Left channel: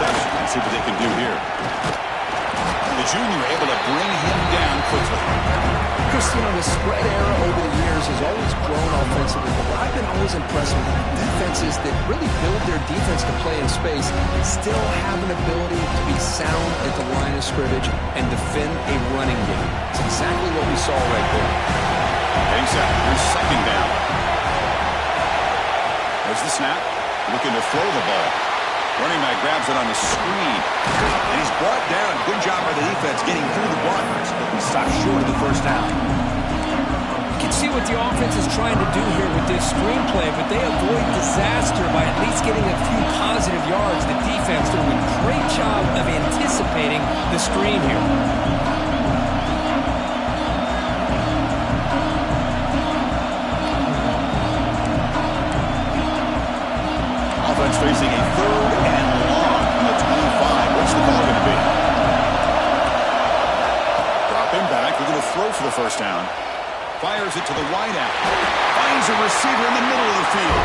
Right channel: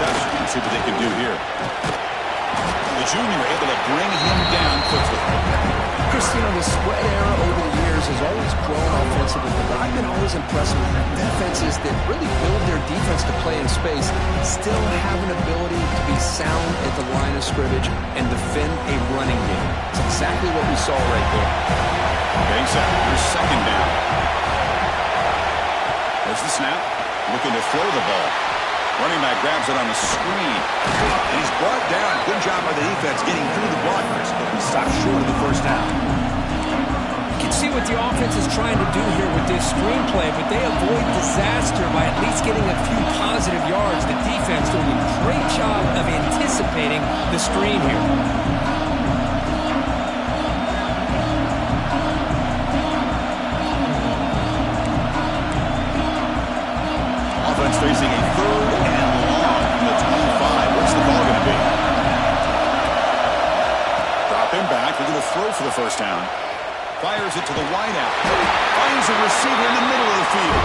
reception. Let's see what they can do here. The junior able to bring him down quickly. Chris, you know, the spread era over the years has always grown offensively, but I've been always impressed with defenses that really build their defense to play in space, still have an ability to be sound at the line of scrimmage and defend a running game. It's exactly what we saw right there. Getting set. Here's second down. There's the snap. Looking to throw the ball. Running back grabs it on the screen. And he's brought down. Good job by the defense getting through the blockers. But he stopped short of the first down. You can see what the offense is trying to do here with this screenplay, but they avoid disaster by at least getting a few positive yards. The defense doing a great job of anticipating the screen here. Offense facing a third and long from the 25. What's the call going to be? Drop him back. We're going to throw for the first down. Fires it to the wideout. Finds a receiver in the middle of the field.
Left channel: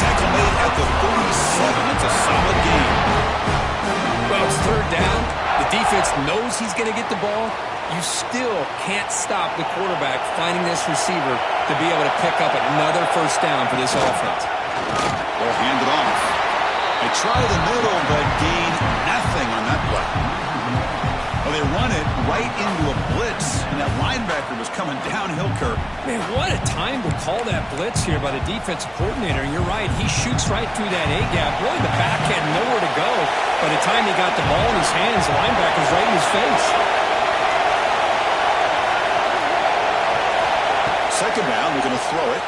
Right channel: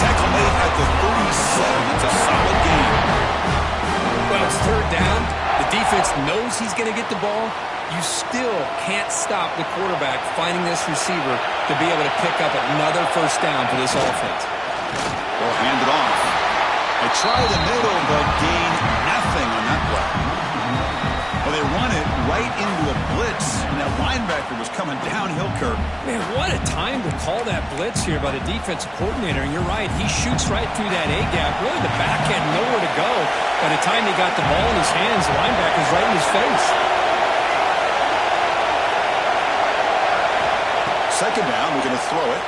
Tackle made at the 37. It's a solid game. Well, it's third down. The defense knows he's going to get the ball. You still can't stop the quarterback finding this receiver to be able to pick up another first down for this offense. Ball handed off. They try the middle, but gain nothing on that play. Well, they run it right into a blitz, and that linebacker was coming downhill, Kirk. Man, what a time to call that blitz here by the defensive coordinator. And you're right, he shoots right through that A-gap. Really, the back had nowhere to go. By the time he got the ball in his hands, the linebacker's right in his face. Second down, we're going to throw it.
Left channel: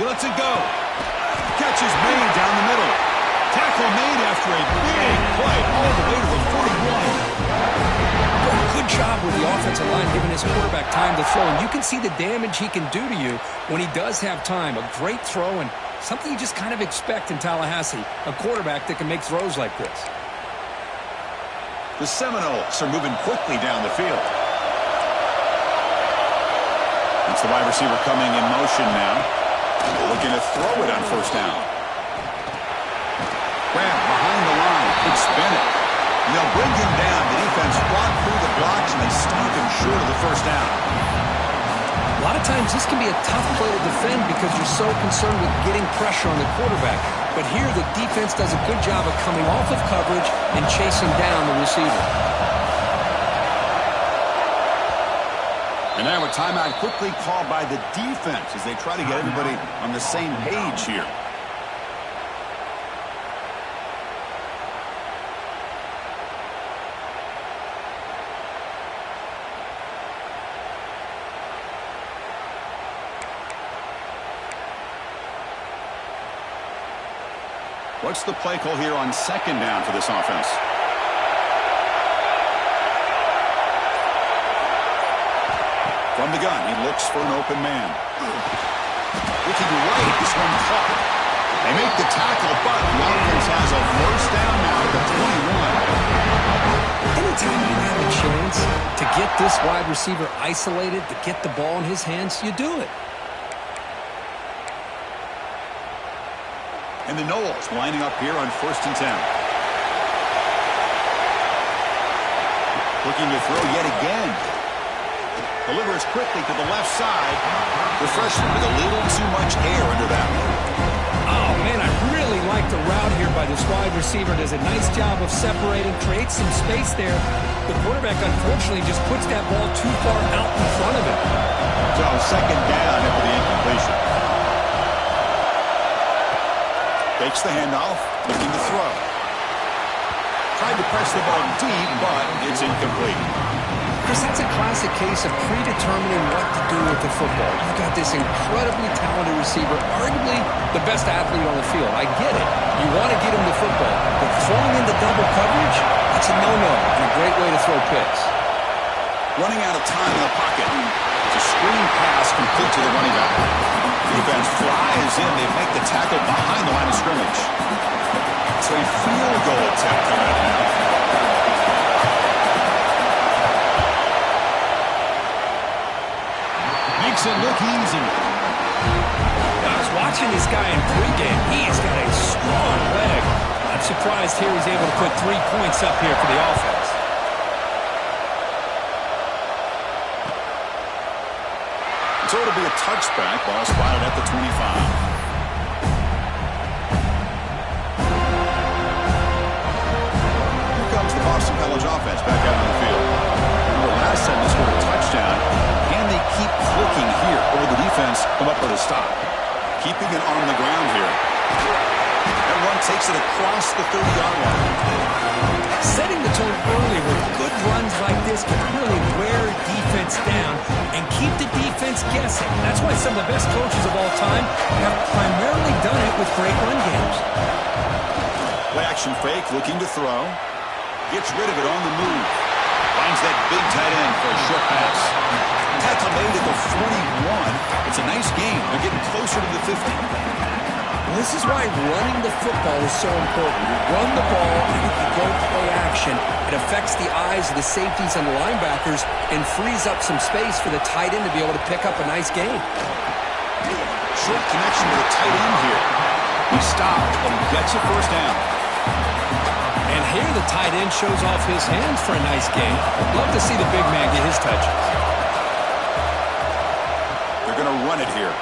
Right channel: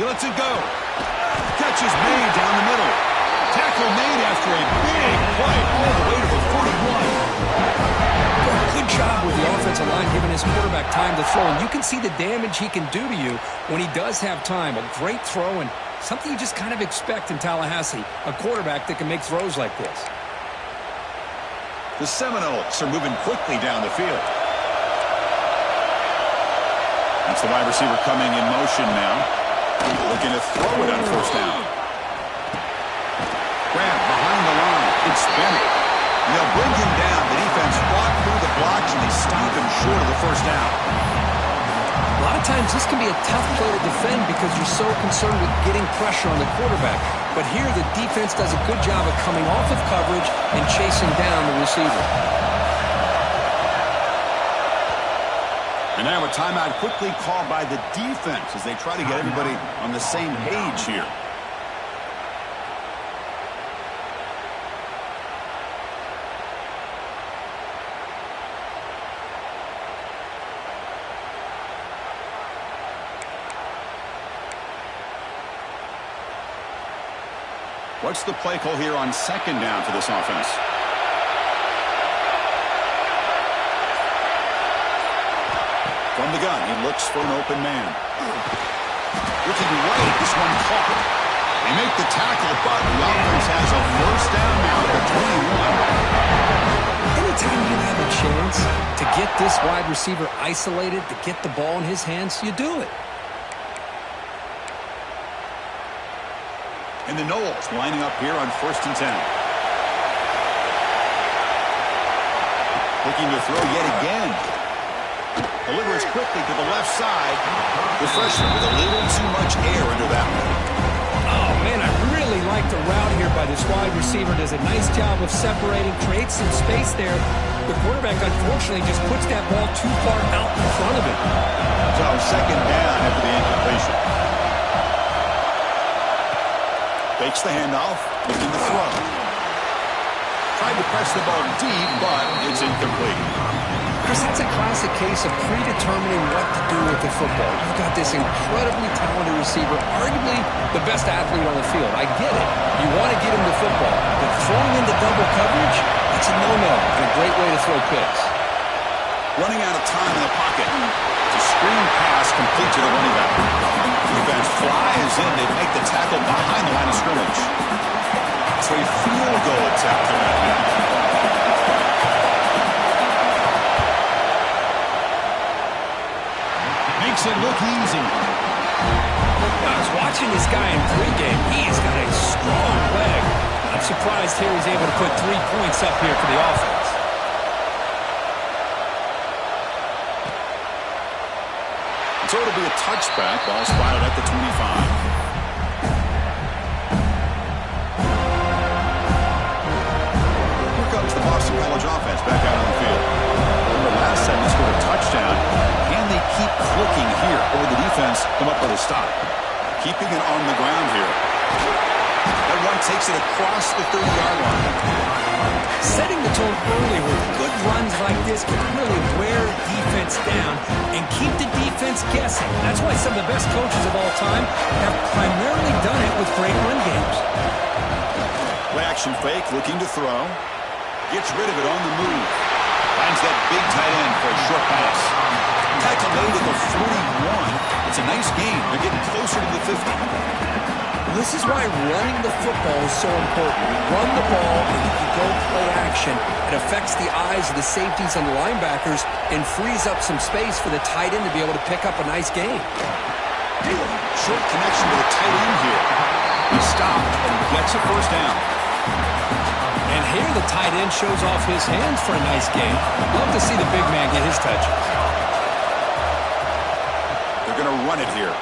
He lets it go. Catch is made down the middle. Tackle made after a big play all the way to the 41. Good job with the offensive line giving his quarterback time to throw. And you can see the damage he can do to you when he does have time. A great throw and something you just kind of expect in Tallahassee. A quarterback that can make throws like this. The Seminoles are moving quickly down the field. That's the wide receiver coming in motion now. Looking to throw it on first down. Grab behind the line. It's Bennett. And they'll bring him down. The defense fought through the blocks, and they stop him short of the first down. A lot of times this can be a tough play to defend because you're so concerned with getting pressure on the quarterback. But here the defense does a good job of coming off of coverage and chasing down the receiver. And now a timeout quickly called by the defense as they try to get everybody on the same page here. What's the play call here on second down for this offense? From the gun, he looks for an open man. Looking right, this one caught. They make the tackle, but the offense has a first down now at the 21. Anytime you have a chance to get this wide receiver isolated, to get the ball in his hands, you do it. And the Noles lining up here on 1st and 10. Looking to throw yet again. Delivers quickly to the left side. The freshman with a little too much air under that one. Oh, man, I really like the route here by this wide receiver. Does a nice job of separating, creates some space there. The quarterback, unfortunately, just puts that ball too far out in front of him. So, second down after the incompletion. Takes the handoff, looking to throw. Tried to press the ball deep, but it's incomplete. Chris, that's a classic case of predetermining what to do with the football. You've got this incredibly talented receiver, arguably the best athlete on the field. I get it. You want to get him the football. But throwing into double coverage, that's a no-no and a great way to throw picks. Running out of time in the pocket. It's a screen pass complete to the running back. Defense flies in. They make the tackle behind the line of scrimmage. So a field goal attempt coming up now. Makes it look easy. I was watching this guy in pregame. He has got a strong leg. I'm surprised here he's able to put 3 points up here for the offense. So it'll be a touchback. Ball spotted at the 25. Here comes the Boston College offense back out on the field. Remember, last time they scored a touchdown. Can they keep clicking here? Or will the defense come up with a stop? Keeping it on the ground here. That run takes it across the 30-yard line. Setting the tone early with good runs like this can really wear defense down and keep the defense guessing. That's why some of the best coaches of all time have primarily done it with great run games. Play action fake, looking to throw. Gets rid of it on the move. Finds that big tight end for a short pass. Tackle made at the 41. It's a nice gain. They're getting closer to the 50. Well, this is why running the football is so important. You run the ball, and if you go play action, it affects the eyes of the safeties and the linebackers and frees up some space for the tight end to be able to pick up a nice gain. Short connection to the tight end here. He stopped and gets a first down. And here the tight end shows off his hands for a nice gain. Love to see the big man get his touches. They're going to run it here.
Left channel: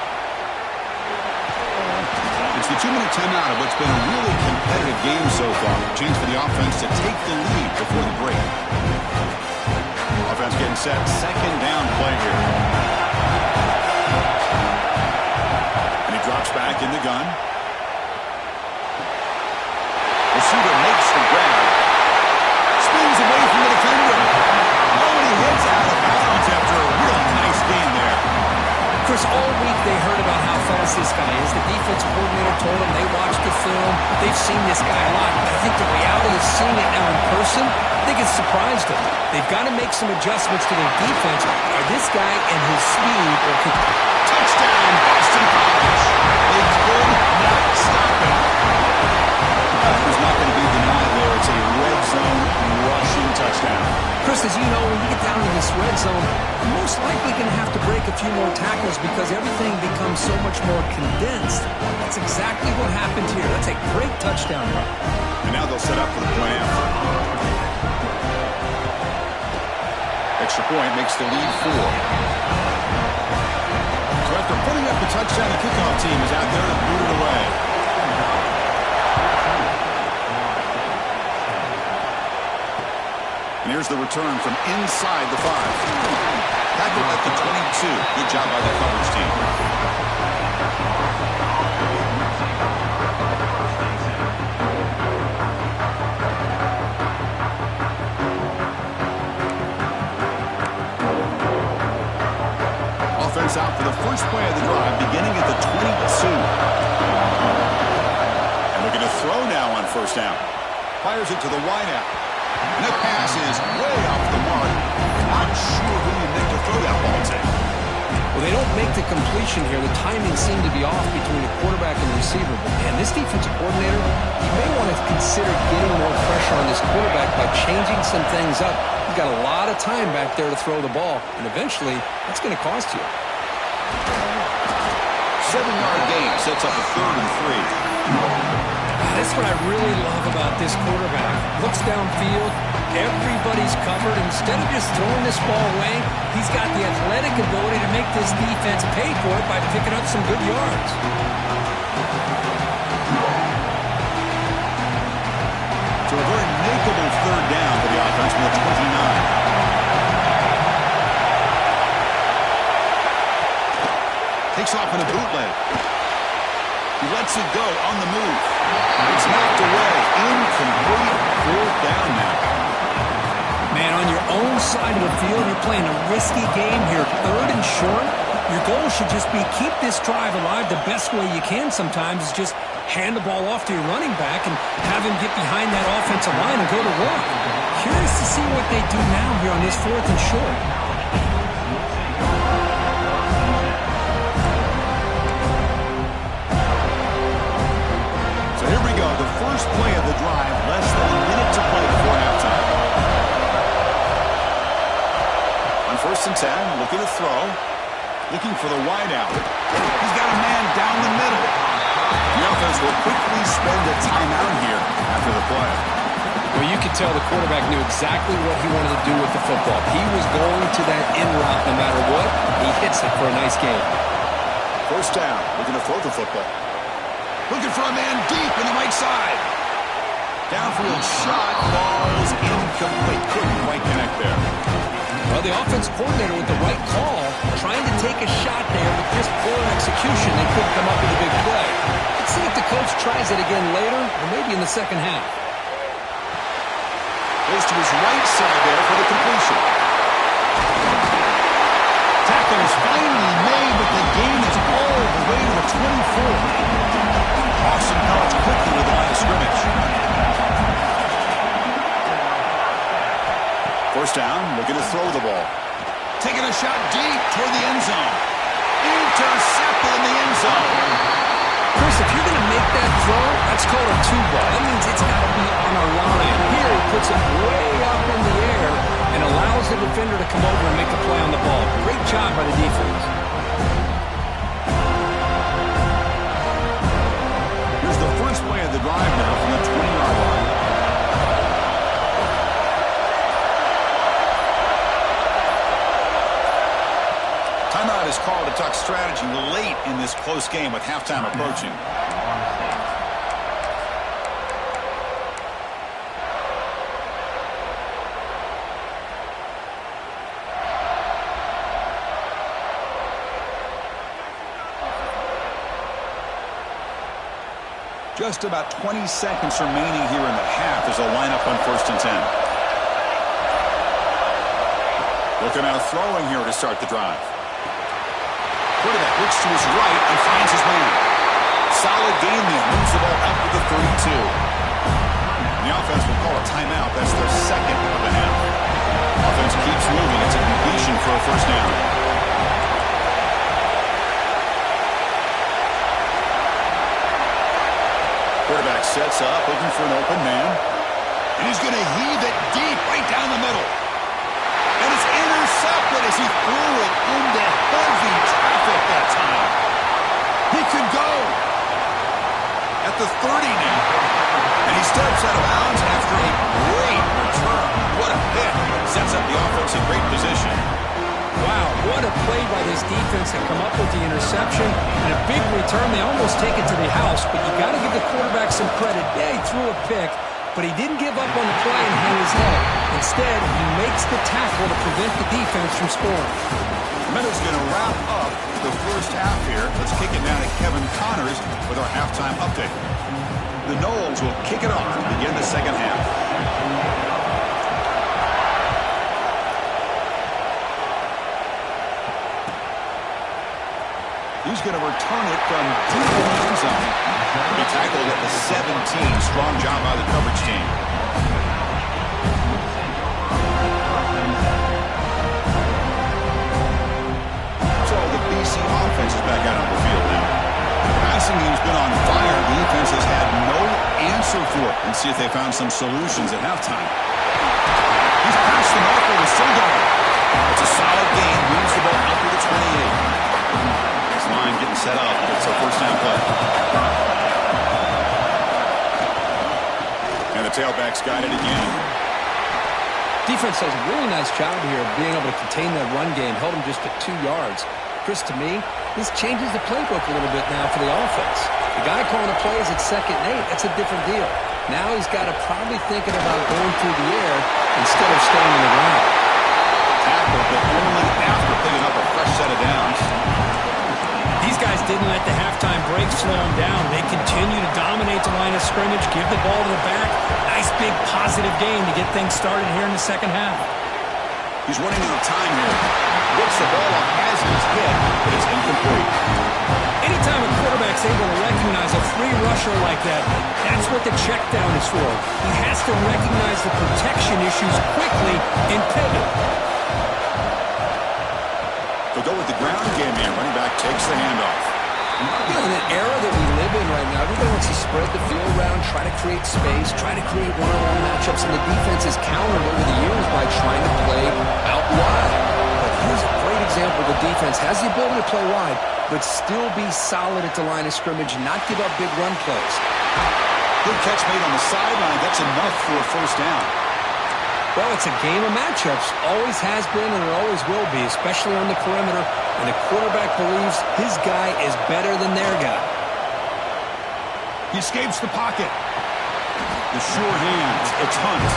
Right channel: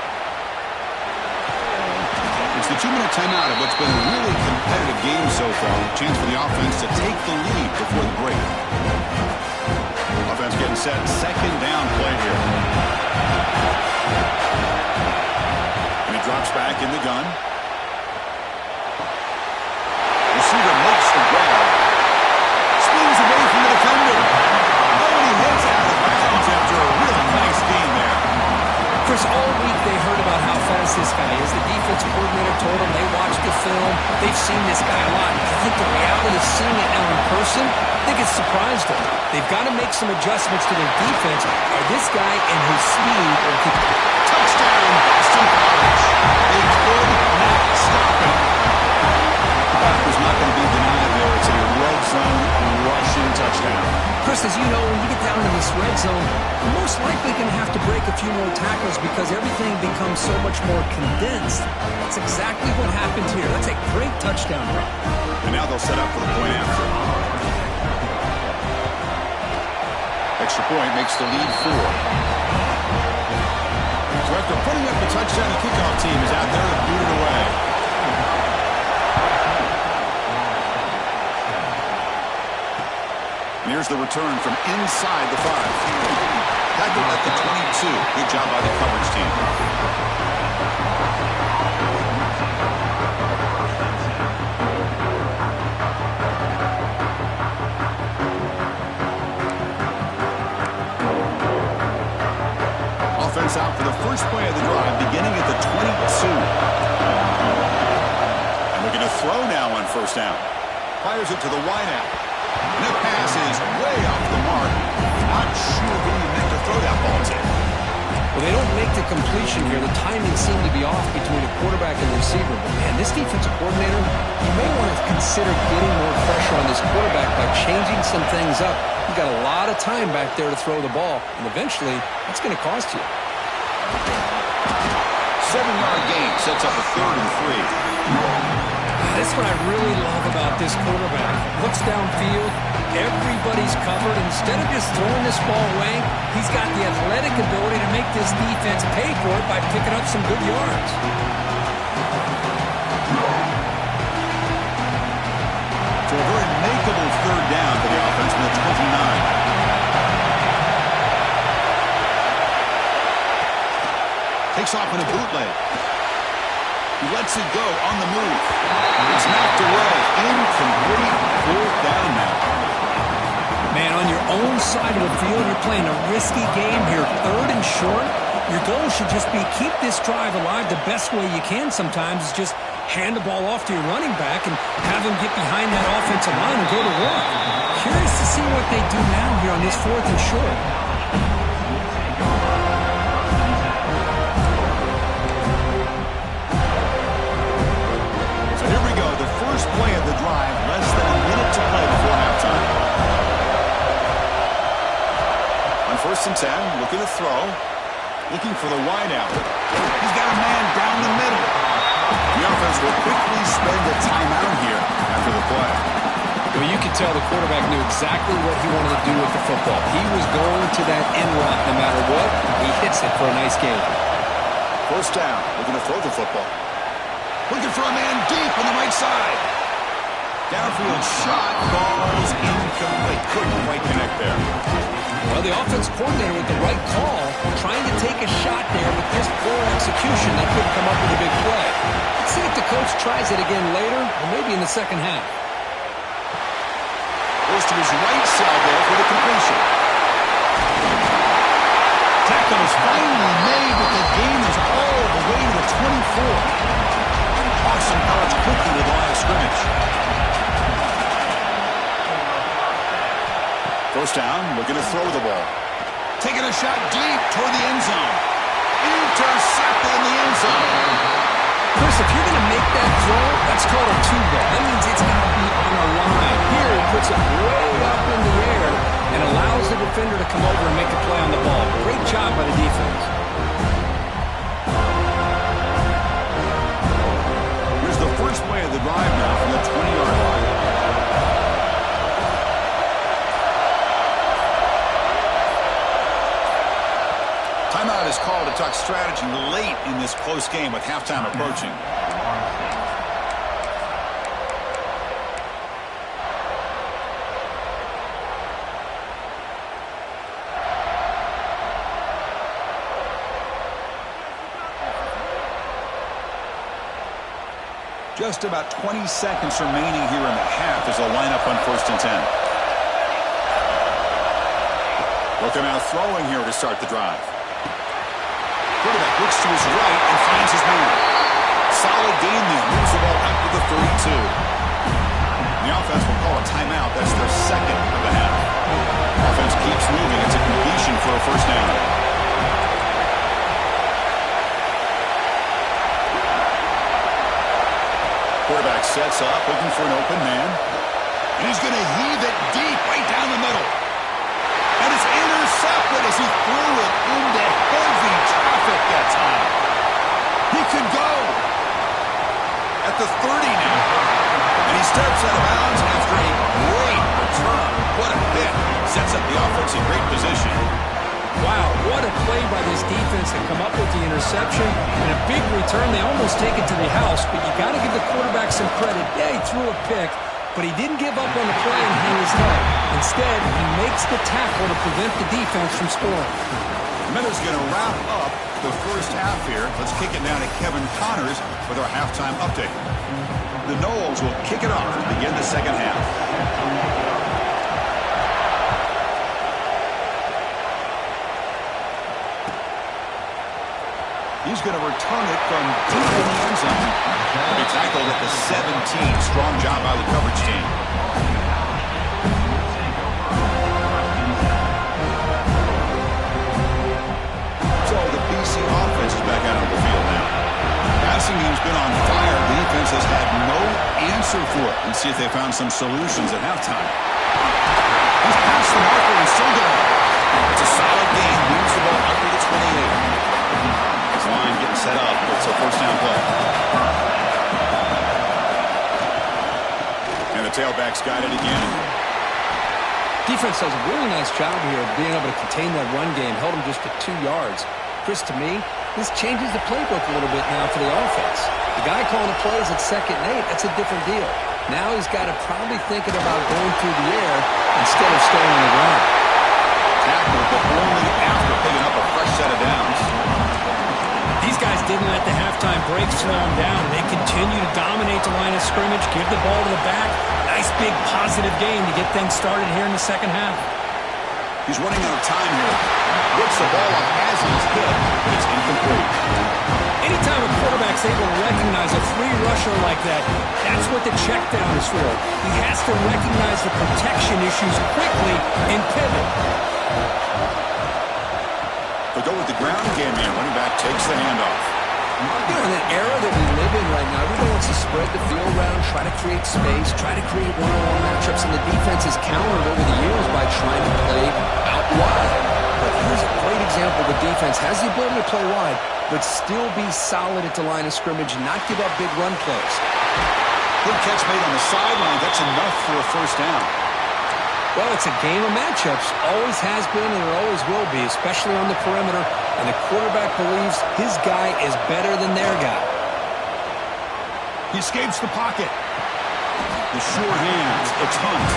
It's the 2-minute timeout of what's been a really competitive game so far. Chance for the offense to take the lead before the break. Offense getting set. Second down play here. And he drops back in the gun. Receiver makes the grab. Spins away from the defender. Oh, and he hits out of bounds after a really nice gain there. Chris, all week they heard about how fast this guy is. The defense coordinator told them they watched the film. They've seen this guy a lot. But I think the reality of seeing it now in person, I think it's surprised them. They've got to make some adjustments to their defense. Are this guy and his speed or could... Touchdown, Boston College. They could not stop him. There's not going to be denied there. It's a red zone rushing touchdown. Chris, as you know, when you get down to this red zone, you're most likely going to have to break a few more tackles because everything becomes so much more condensed. That's exactly what happened here. That's a great touchdown run. And now they'll set up for the point after. Extra point makes the lead 4. So after putting up the touchdown, the kickoff team is out there to boot it away. And here's the return from inside the 5. Tackled at the 22. Good job by the coverage team. Offense out for the first play of the drive, beginning at the 22. And looking to throw now on first down. Fires it to the wideout. And that pass is way off the mark. Not sure who you meant to throw that ball to. Well, they don't make the completion here. The timing seemed to be off between a quarterback and the receiver. But, man, this defensive coordinator, he may want to consider getting more pressure on this quarterback by changing some things up. You've got a lot of time back there to throw the ball, and eventually that's going to cost you. 7-yard gain sets up a 3rd and 3. That's what I really love about this quarterback. Looks downfield, everybody's covered. Instead of just throwing this ball away, he's got the athletic ability to make this defense pay for it by picking up some good yards. So a very makeable 3rd down for the offense from the 29. Takes off in a bootleg. He lets it go on the move. It's knocked away. Incomplete. 4th down now. Man, on your own side of the field, you're playing a risky game here. 3rd and short. Your goal should just be keep this drive alive the best way you can sometimes is just hand the ball off to your running back and have him get behind that offensive line and go to work. Curious to see what they do now here on this 4th and short. So here we go, the first play of the drive, less than a minute to play before halftime. On 1st and 10, looking to throw, looking for the wideout. He's got a man down the middle. The offense will quickly spend a timeout here after the play. Well, you could tell the quarterback knew exactly what he wanted to do with the football. He was going to that in route no matter what. He hits it for a nice gain. First down, looking to throw the football. Looking for a man deep on the right side. Downfield shot, falls incomplete. Couldn't quite connect there. Well, the offense coordinator with the right call, trying to take a shot there, but just poor execution. They couldn't come up with a big play. Let's see if the coach tries it again later, or maybe in the second half. Goes to his right side there for the completion. Tackle is finally made, but the gain is all the way to the 24. Hawks and Pellets quickly to the line of scrimmage. First down, looking to throw the ball. Taking a shot deep toward the end zone. Intercepted in the end zone. Chris, if you're going to make that throw, that's called a two ball. That means it's got to be on a line. Here, he puts it way up in the air and allows the defender to come over and make a play on the ball. Great job by the defense. Here's the first play of the drive now from the 20-yard line. Timeout is called to talk strategy late in this close game with halftime approaching. Just about 20 seconds remaining here in the half as a lineup on 1st and 10. Looking out throwing here to start the drive. Quarterback looks to his right and finds his man. Solid gain there. Moves the ball out to the 32. And the offense will call a timeout. That's their second of the half. Offense keeps moving. It's a completion for a first down. Quarterback sets up, looking for an open man. And he's going to heave it deep right down the middle. And it's intercepted as he threw it into heavy traffic that time. He could go at the 30 now. And he steps out of bounds after a great return. What a hit. Sets up the offense in great position. Wow, what a play by this defense to come up with the interception. And a big return. They almost take it to the house, but you got to give the quarterback some credit. Yeah, he threw a pick, but he didn't give up on the play and hang his head. Instead, he makes the tackle to prevent the defense from scoring. The Meadows going to wrap up the first half here. Let's kick it now to Kevin Connors with our halftime update. The Noles will kick it off to begin the second half. He's going to return it from deep in the end zone. He tackled at the 17. Strong job by the coverage team. So the BC offense is back out on the field now. The passing game's been on fire. The defense has had no answer for it. Let's see if they found some solutions at halftime. He's past the marker and still going. It's a solid gain. Moves the ball out to the 28. Line getting set up. It's a first down play. And the tailback's got it again. Defense does a really nice job here of being able to contain that run game. Held him just at 2 yards. Chris, to me, this changes the playbook a little bit now for the offense. The guy calling the plays at 2nd and 8, that's a different deal. Now he's got to probably thinking about going through the air instead of staying on the ground. Tackled, but only after picking up a fresh set of downs. These guys didn't let the halftime break slow them down. They continue to dominate the line of scrimmage, give the ball to the back. Nice big positive gain to get things started here in the second half. He's running out of time here. Whips the ball off as he's hit, but it's incomplete. Anytime a quarterback's able to recognize a free rusher like that, that's what the check down is for. He has to recognize the protection issues quickly and pivot. They'll go with the ground game here. Running back takes the handoff. You know, in the era that we live in right now, everybody wants to spread the field around, try to create space, try to create one-on-one matchups, and the defense is countered over the years by trying to play out wide. But here's a great example. The defense has the ability to play wide, but still be solid at the line of scrimmage, not give up big run plays. Good catch made on the sideline. That's enough for a first down. Well, it's a game of matchups. Always has been and it always will be, especially on the perimeter. And the quarterback believes his guy is better than their guy. He escapes the pocket. The sure hands. It's Hunt.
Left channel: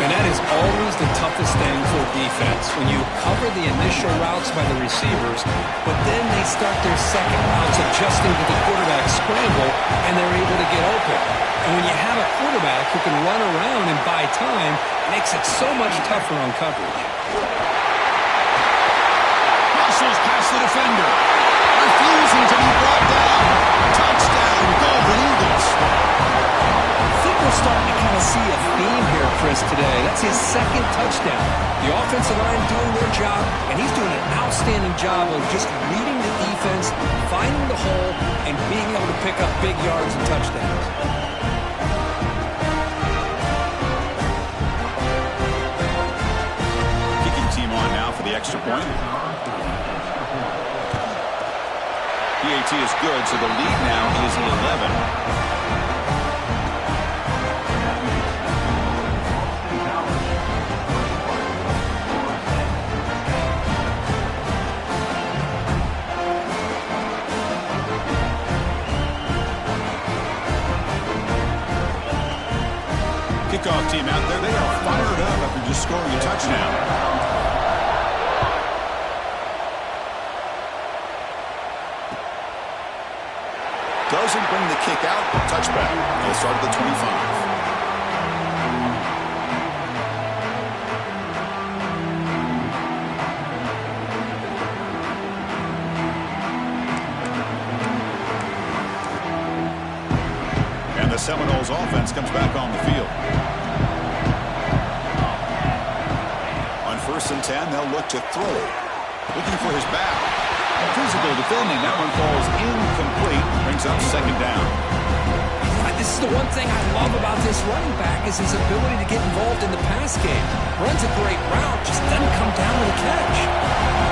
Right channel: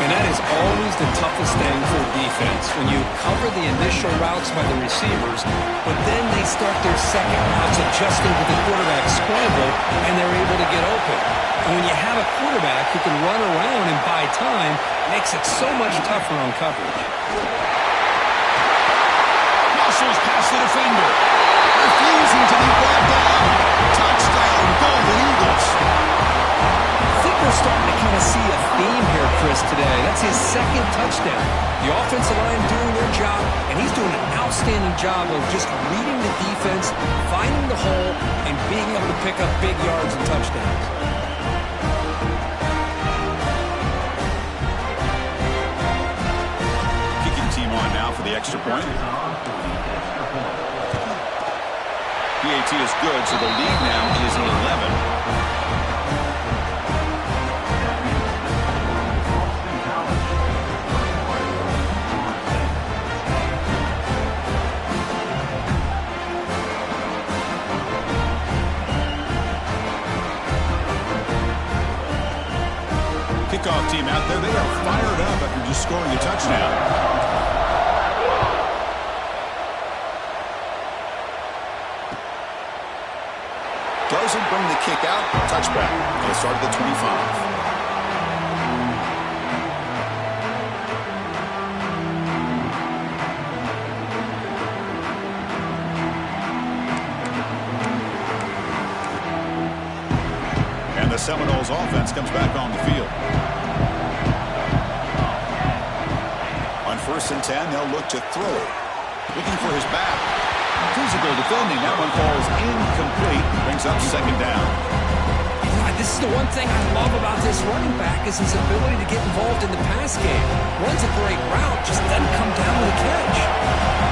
And that is always the toughest thing for a defense, when you cover the initial routes by the receivers, but then they start their second routes adjusting to the quarterback's scramble, and they're able to get open. And when you have a quarterback who can run around and buy time, it makes it so much tougher on coverage. Muscles past the defender. Refusing to be brought down. Touchdown, Golden Eagles. I think we're starting to kind of see a theme here, Chris, today. That's his second touchdown. The offensive line doing their job, and he's doing an outstanding job of just reading the defense, finding the hole, and being able to pick up big yards and touchdowns. Kicking team on now for the extra point. PAT is good, so the lead now is 11. Kickoff team out there, they are fired up after just scoring a touchdown. Doesn't bring the kick out. Touchback. They'll start at the 25. And the Seminoles offense comes back on the field. On 1st and 10, they'll look to throw it. Looking for his back. Physical defending. That one falls incomplete. Brings up 2nd down. This is the one thing I love about this running back is his ability to get involved in the pass game. Runs a great route, just doesn't come down with a catch.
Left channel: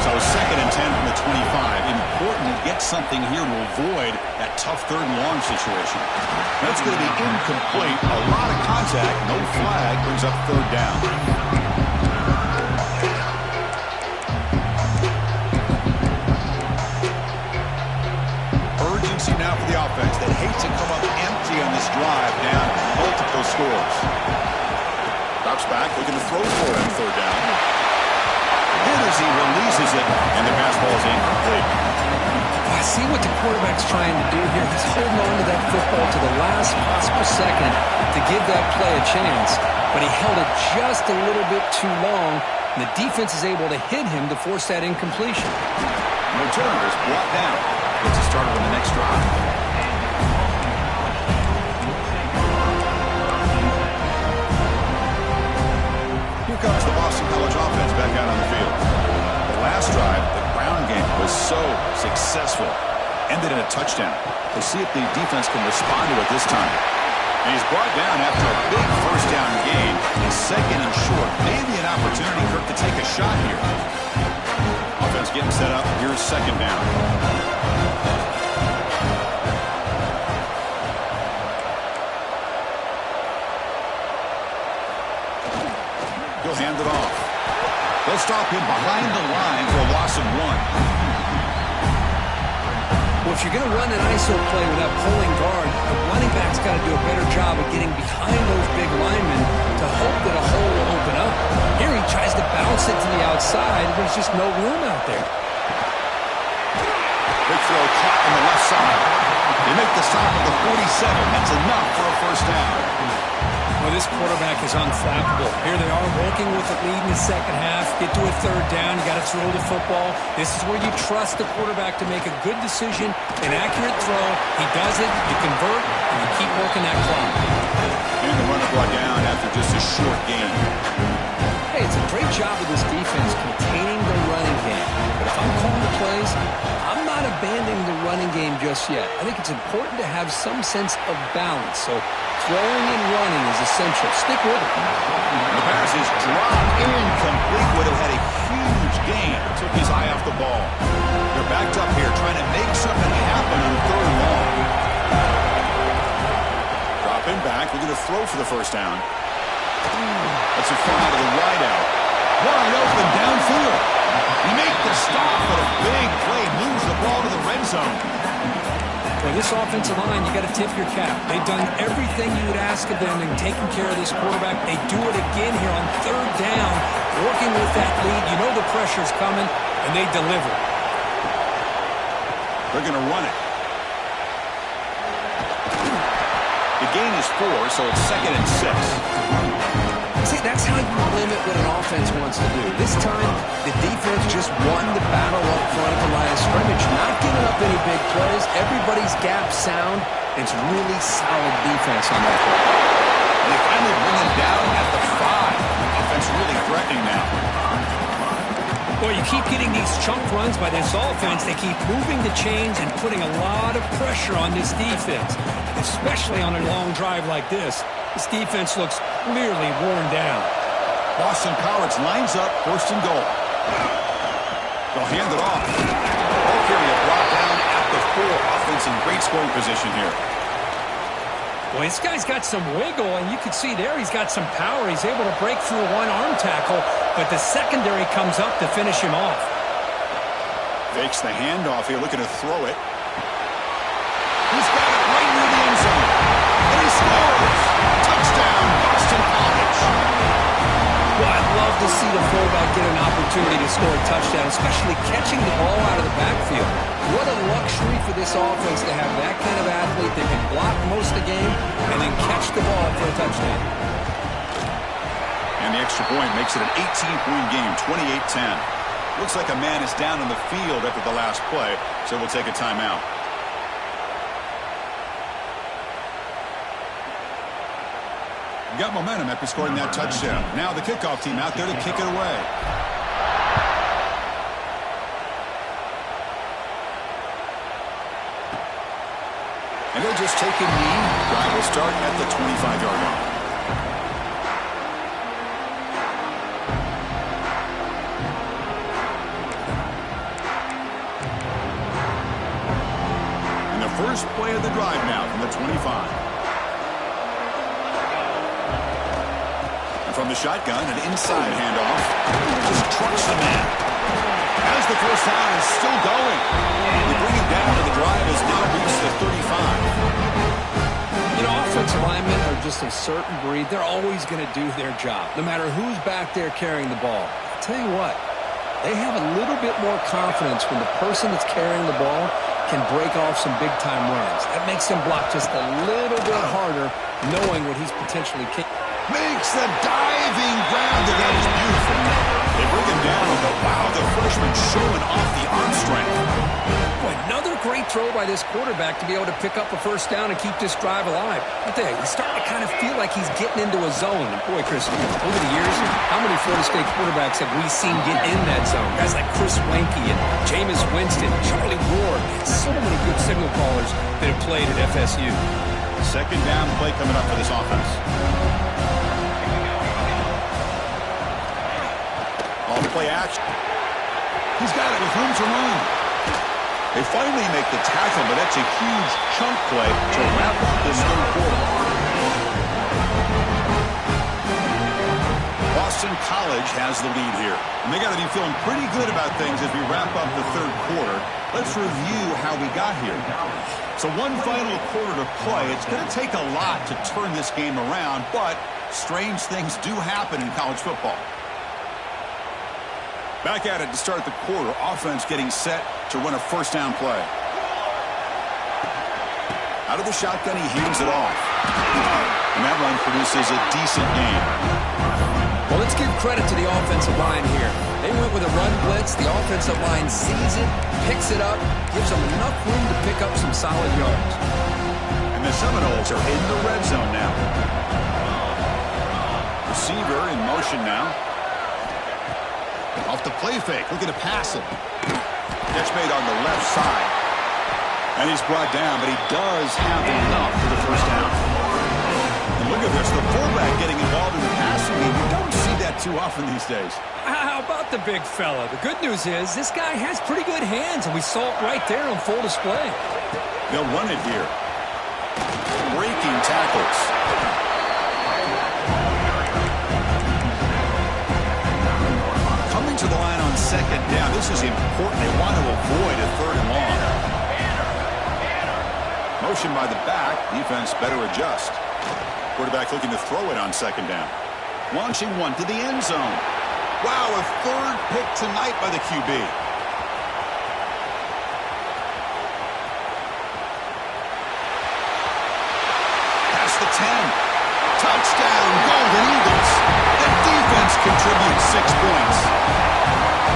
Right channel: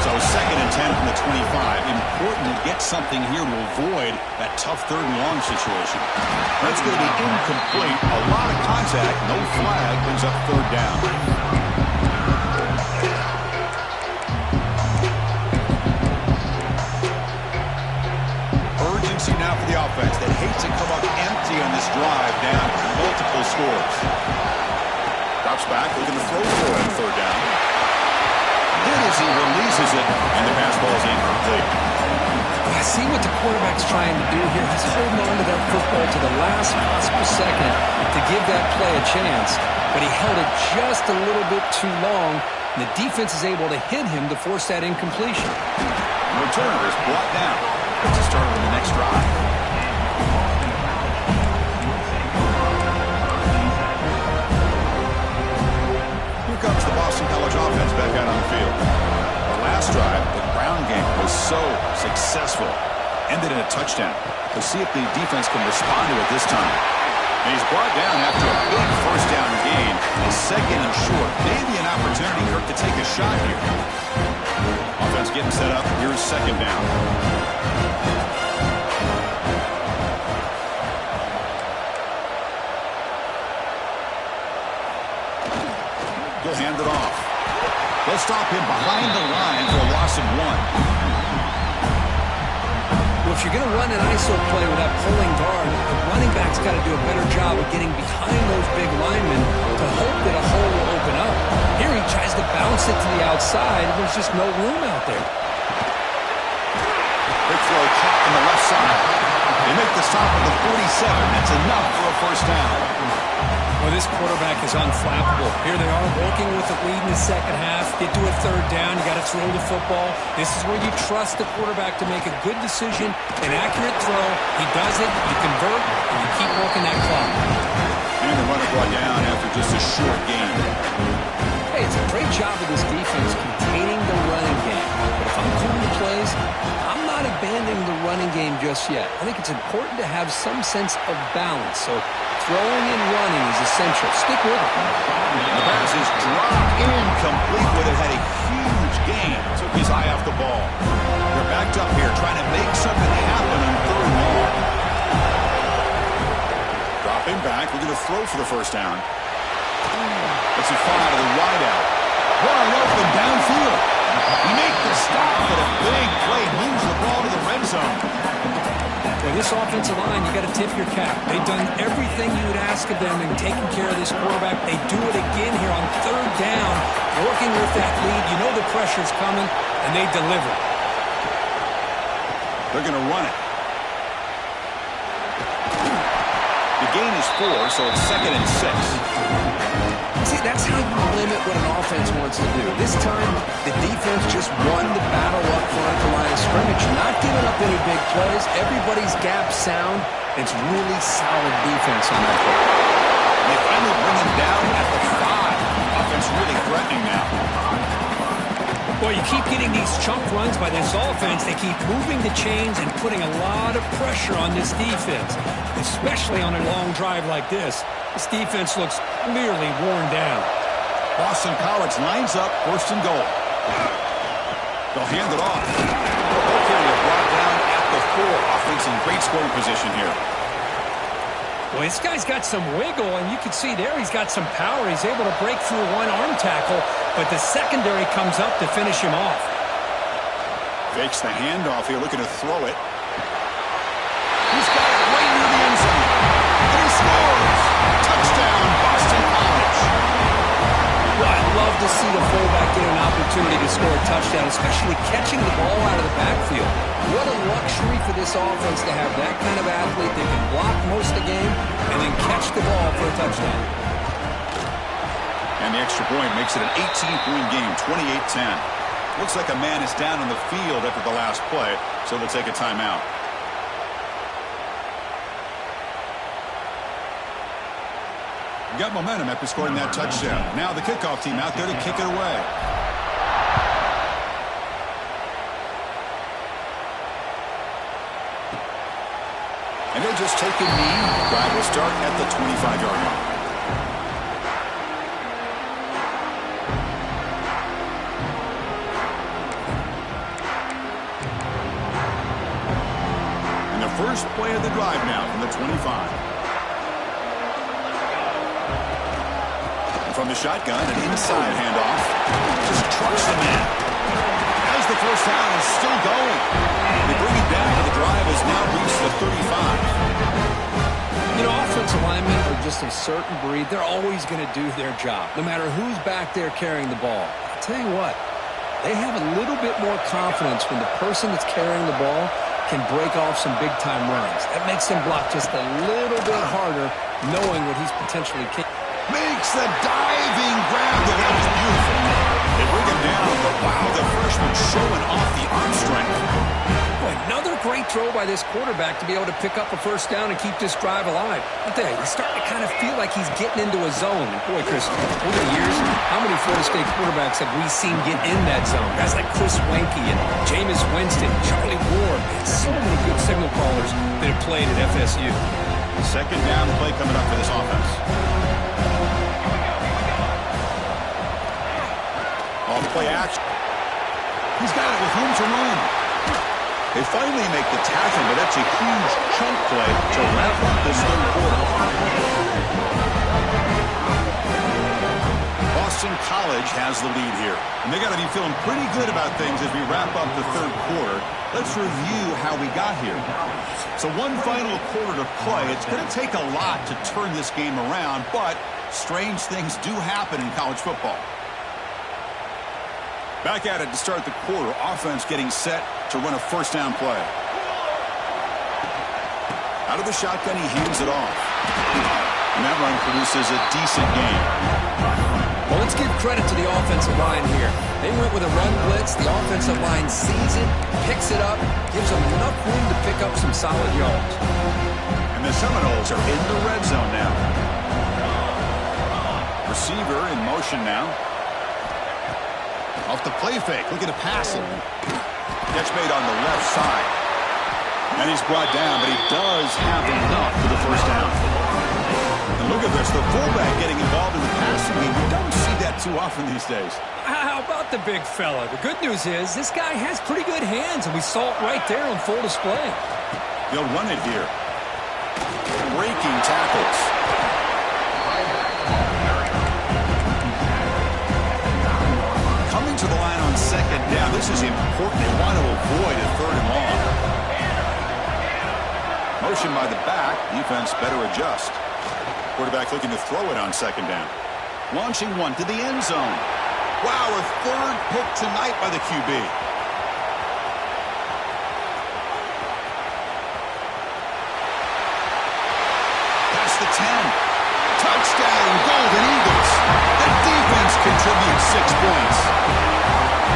So 2nd and 10 from the 25. Important to get something here to avoid that tough 3rd and long situation. That's going to be incomplete. A lot of contact. No flag. Brings up 3rd down. Urgency now for the offense that hates to come up empty on this drive, down multiple scores. Drops back, looking to throw for it on 3rd down. Hit as he releases it, and the pass ball is incomplete. I see what the quarterback's trying to do here. He's holding on to that football to the last possible second to give that play a chance, but he held it just a little bit too long, and the defense is able to hit him to force that incompletion. The returner is brought down. Gets it started on the next drive. Here comes the Boston College offense back out on the field. The last drive, the ground game was so successful. Ended in a touchdown. We'll see if the defense can respond to it this time. And he's brought down after a big 1st down gain. And 2nd and short. Maybe an opportunity, Kirk, to take a shot here. Offense getting set up. Here's 2nd down. He'll hand it off. They'll stop him behind the line for a loss of 1. Well, if you're going to run an ISO play without pulling guard, the running back's got to do a better job of getting behind those big linemen to hope that a hole will open up. Here he tries to bounce it to the outside. There's just no room out there. Quick throw caught on the left side. They make the stop at the 47. That's enough for a 1st down. Well, this quarterback is unflappable. Here they are working with the lead in the 2nd half. Get to a 3rd down. You got to throw the football. This is where you trust the quarterback to make a good decision, an accurate throw. He does it, you convert, and you keep working that clock. And the runner brought down after just a short gain. Hey, it's a great job of this defense containing the running game. But if I'm calling the plays, I'm not abandoning the running game just yet. I think it's important to have some sense of balance. So throwing and running is essential. Stick with it. The pass is dropped incomplete. Would have had a huge huge gain. Took his eye off the ball. They're backed up here trying to make something happen on 3rd and long. Dropping back, looking to throw for the first down. That's a fly to the wide out. Wide open downfield. You make the stop, but a big play moves the ball to the red zone. Well, this offensive line, you got to tip your cap. They've done everything you would ask of them in taking care of this quarterback. They do it again here on 3rd down, working with that lead. You know the pressure's coming, and they deliver. They're going to run it. The gain is 4, so it's 2nd and 6. See, that's how you limit what an offense wants to do. This time, the defense just won the battle up front at the line of scrimmage, not giving up any big plays. Everybody's gap sound. It's really solid defense on that play. And they finally bring him down at the 5. Offense really threatening now. Well, you keep getting these chunk runs by this offense. They keep moving the chains and putting a lot of pressure on this defense, especially on a long drive like this. This defense looks clearly worn down. Boston College lines up 1st and goal. They'll hand it off. Ball carrier brought down at the 4. Offense in great scoring position here. Well, this guy's got some wiggle, and you can see there he's got some power. He's able to break through one arm tackle, but the secondary comes up to finish him off. Fakes the handoff here, looking to throw it. He's got it right near the end zone. And he scores! Touchdown, Boston College. Well, I'd love to see the fullback get an opportunity to score a touchdown, especially catching the ball out of the backfield. What a luxury for this offense to have that kind of athlete that can block most of the game and then catch the ball for a touchdown. And the extra point makes it an 18-point game, 28-10. Looks like a man is down on the field after the last play, so we'll take a timeout. Got momentum after scoring that touchdown. Now the kickoff team out there to kick it away. And he'll just take a knee. Drive will start at the 25-yard line. And the first play of the drive now from the 25. From the shotgun, an inside handoff. Just trucks the man. As the first down is still going. They bring it down, but the drive has now reached the 35. You know, offensive linemen are just a certain breed. They're always going to do their job, no matter who's back there carrying the ball. I'll tell you what, they have a little bit more confidence when the person that's carrying the ball can break off some big-time runs. That makes them block just a little bit harder, knowing what he's potentially capable. Makes the diving grab. That was beautiful. They bring him down, but wow, the freshman showing off the arm strength. Boy, another great throw by this quarterback to be able to pick up a first down and keep this drive alive. I tell you, he's starting to kind of feel like he's getting into a zone. And boy, Chris, over the years, how many Florida State quarterbacks have we seen get in that zone? Guys like Chris Weinke and Jameis Winston, Charlie Ward. Man, so many good signal callers that have played at FSU. Second down play coming up for this offense. Off play action. He's got it with room to run. They finally make the tackle, but that's a huge chunk play to wrap up this 3rd quarter. Boston College has the lead here, and they got to be feeling pretty good about things as we wrap up the 3rd quarter. Let's review how we got here. So one final quarter to play. It's going to take a lot to turn this game around, but strange things do happen in college football. Back at it to start the quarter. Offense getting set to run a first down play. Out of the shotgun, he hands it off. And that run produces a decent gain. Well, let's give credit to the offensive line here. They went with a run blitz. The offensive line sees it, picks it up, gives them enough room to pick up some solid yards. And the Seminoles are in the red zone now. Receiver in motion now. Off the play fake, looking to pass it. Catch made on the left side. And he's brought down, but he does have enough for the first down. And look at this, the fullback getting involved in the passing game. You don't see that too often these days. How about the big fella? The good news is this guy has pretty good hands, and we saw it right there on full display. They'll run it here. Breaking tackles. Coming to the line on second down. This is important. They want to avoid a third and long. Motion by the back. Defense better adjust. Quarterback looking to throw it on second down. Launching one to the end zone. Wow, a third pick tonight by the QB. Past the 10. Touchdown, Golden Eagles. The defense contributes 6 points.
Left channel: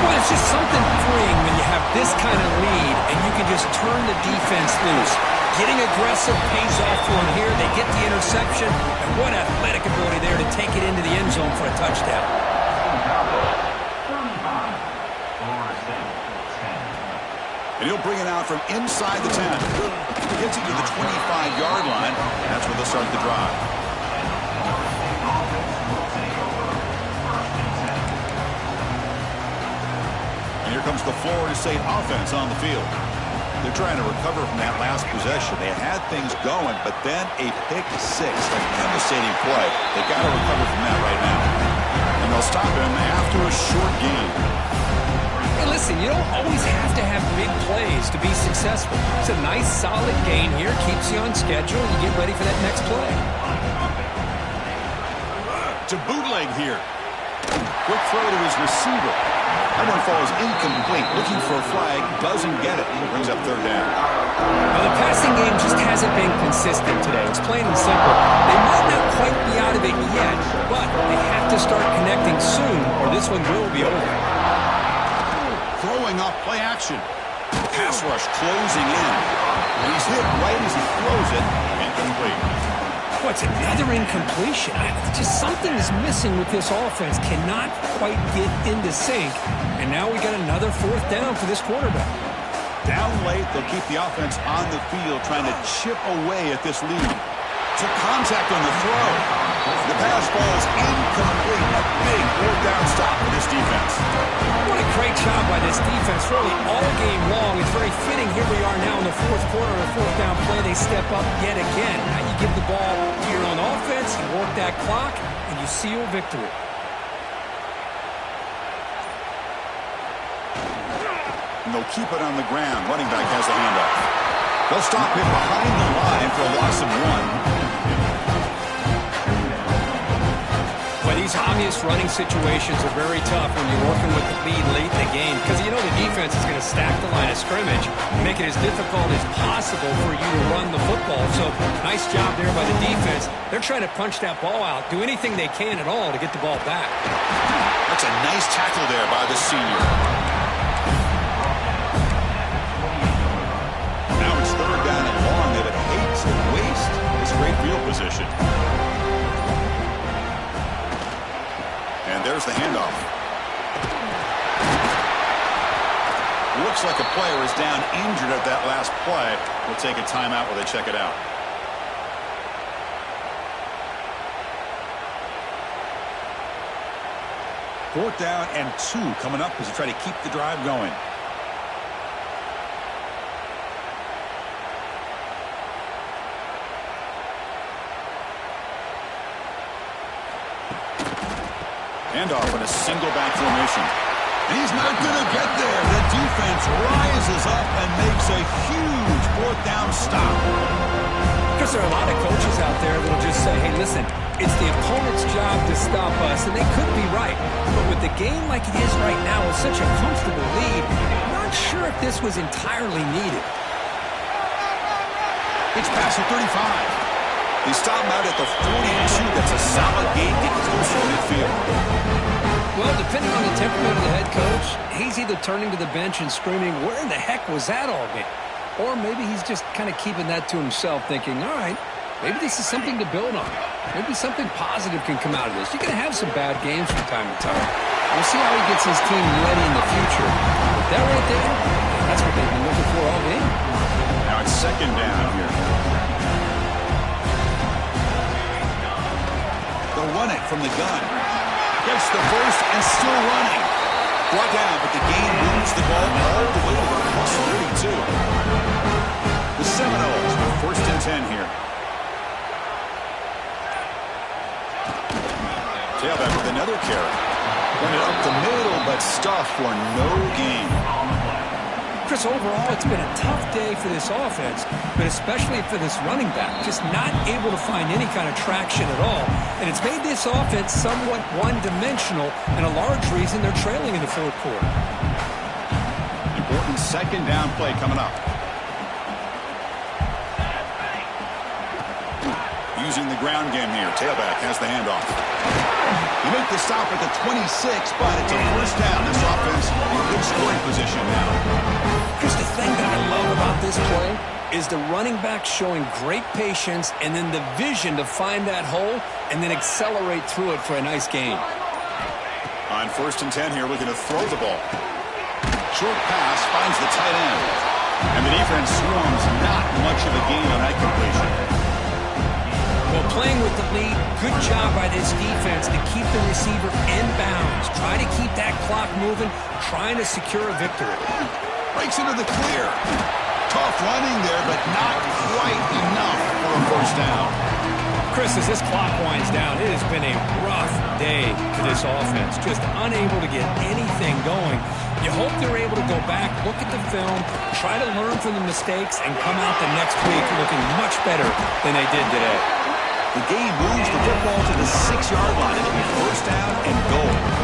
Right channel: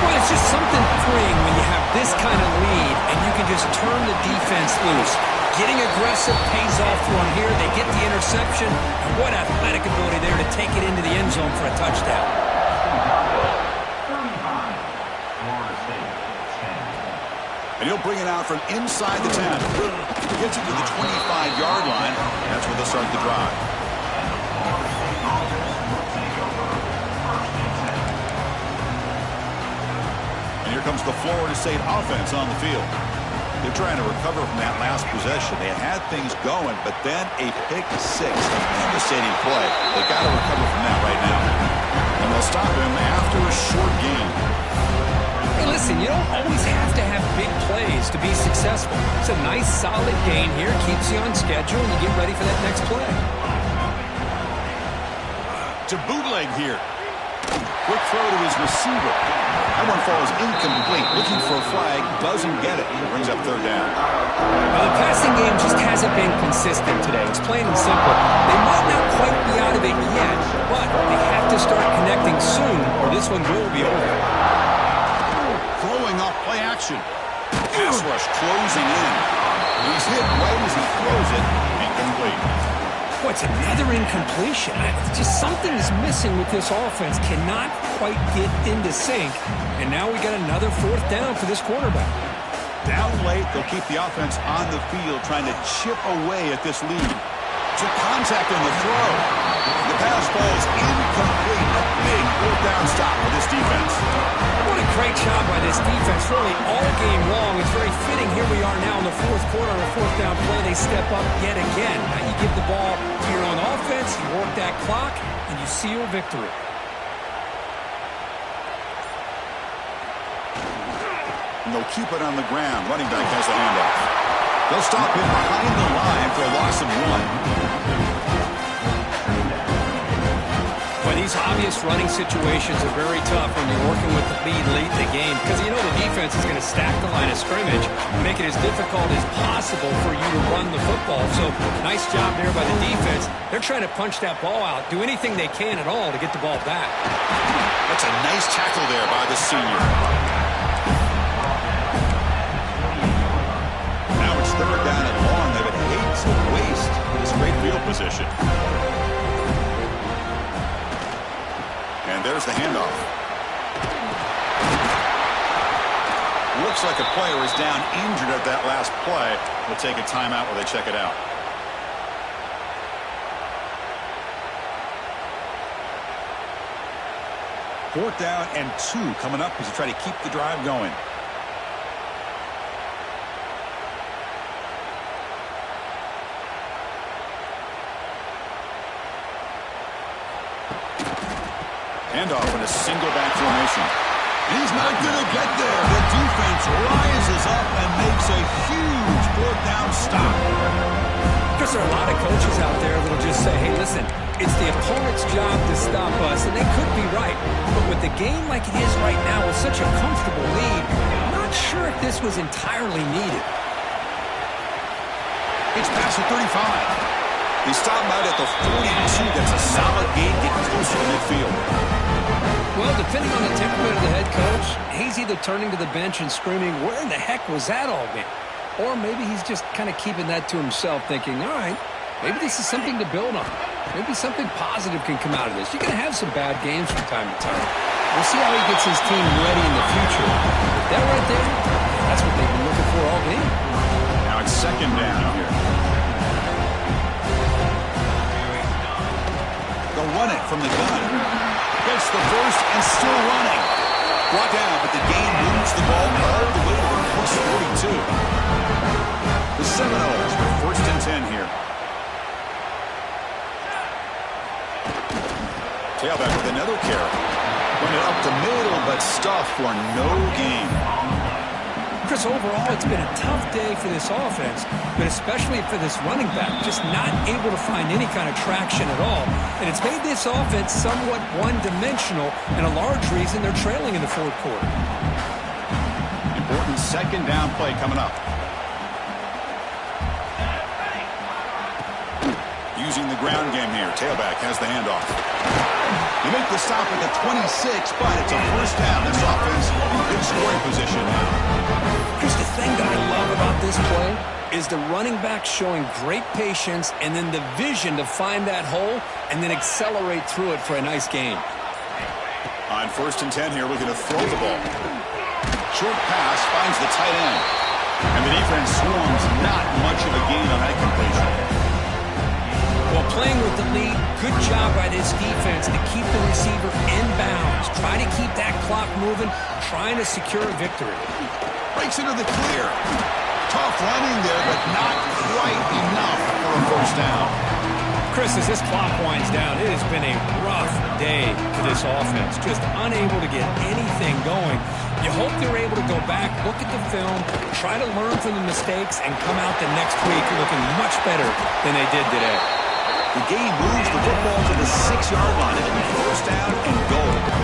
Well, it's just something freeing when you have this kind of lead and you can just turn the defense loose. Getting aggressive pays off for them here. They get the interception, and what athletic ability there to take it into the end zone for a touchdown. And he'll bring it out from inside the 10. Gets it to the 25-yard line. That's where they'll start the drive. And here comes the Florida State offense on the field. They're trying to recover from that last possession. They had things going, but then a pick six, a devastating play. They got to recover from that right now. And they'll stop him after a short gain. Hey, listen, you don't always have to have big plays to be successful. It's a nice, solid gain here. Keeps you on schedule, and you get ready for that next play. To bootleg here. Quick throw to his receiver. That one falls incomplete. Looking for a flag. Doesn't get it. Brings up third down. Now, the passing game just hasn't been consistent today. It's plain and simple. They might not quite be out of it yet, but they have to start connecting soon, or this one will be over. Throwing off play action. Pass rush closing in. And he's hit right as he throws it. Incomplete. What's another incompletion? Just something is missing with this offense. Cannot quite get into sync. And now we got another fourth down for this quarterback. Down late, they'll keep the offense on the field trying to chip away at this lead. To contact on the throw. The pass falls incomplete. A big fourth down stop for this defense. What a great job by this defense, really all game long. It's very fitting. Here we are now in the fourth quarter on a fourth down play. They step up yet again. Now you give the ball to your own offense, you work that clock, and you seal victory. And they'll keep it on the ground. Running back has the handoff. They'll stop him behind the line for a loss of 1. Well, these obvious running situations are very tough when you're working with the lead late in the game because you know the defense is going to stack the line of scrimmage and make it as difficult as possible for you to run the football. So nice job there by the defense. They're trying to punch that ball out, do anything they can at all to get the ball back. That's a nice tackle there by the senior. Now it's third down and long. They would hate to waste this great field position. And there's the handoff. Looks like a player is down injured at that last play. We'll take a timeout while they check it out. Fourth down and 2 coming up as they try to keep the drive going. Handoff in a single back formation. And he's not going to get there. The defense rises up and makes a huge fourth down stop. Because there are a lot of coaches out there that will just say, hey, listen, it's the opponent's job to stop us, and they could be right. But with the game like it is right now with such a comfortable lead, I'm not sure if this was entirely needed. It's past the 35. They stop out at the 42. That's a solid gain, getting closer to midfield. Well, depending on the temperament of the head coach, he's either turning to the bench and screaming, where in the heck was that all game? Or maybe he's just kind of keeping that to himself, thinking, all right, maybe this is something to build on. Maybe something positive can come out of this. You're going to have some bad games from time to time. We'll see how he gets his team ready in the future. But that right there, that's what they've been looking for all game. Now it's second down here. run it from the gun. Gets the first and still running. Brought down, but the gain moves the ball all the way to the plus 42. The Seminoles with first and 10 here. Tailback with another carry. Run it up the middle, but stuffed for no gain. Chris, overall, it's been a tough day for this offense, but especially for this running back, just not able to find any kind of traction at all. And it's made this offense somewhat one-dimensional, and a large reason they're trailing in the fourth quarter. Important second down play coming up. Using the ground game here. Tailback has the handoff. You make the stop at the 26, but it's a first down. This offense in good scoring position now. Chris, the thing that I love about this play is the running back showing great patience and then the vision to find that hole and then accelerate through it for a nice gain. On first and 10 here, looking to throw the ball. Short pass finds the tight end. And the defense swarms, not much of a gain on that completion. Well, playing with the lead, good job by this defense to keep the receiver in bounds. Try to keep that clock moving, trying to secure a victory. Breaks into the clear. Tough running there, but not quite enough for a first down. Chris, as this clock winds down, it has been a rough day for this offense. Just unable to get anything going. You hope they're able to go back, look at the film, try to learn from the mistakes, and come out the next week looking much better than they did today. The game moves the football to the 6-yard line. It'll be first down and goal.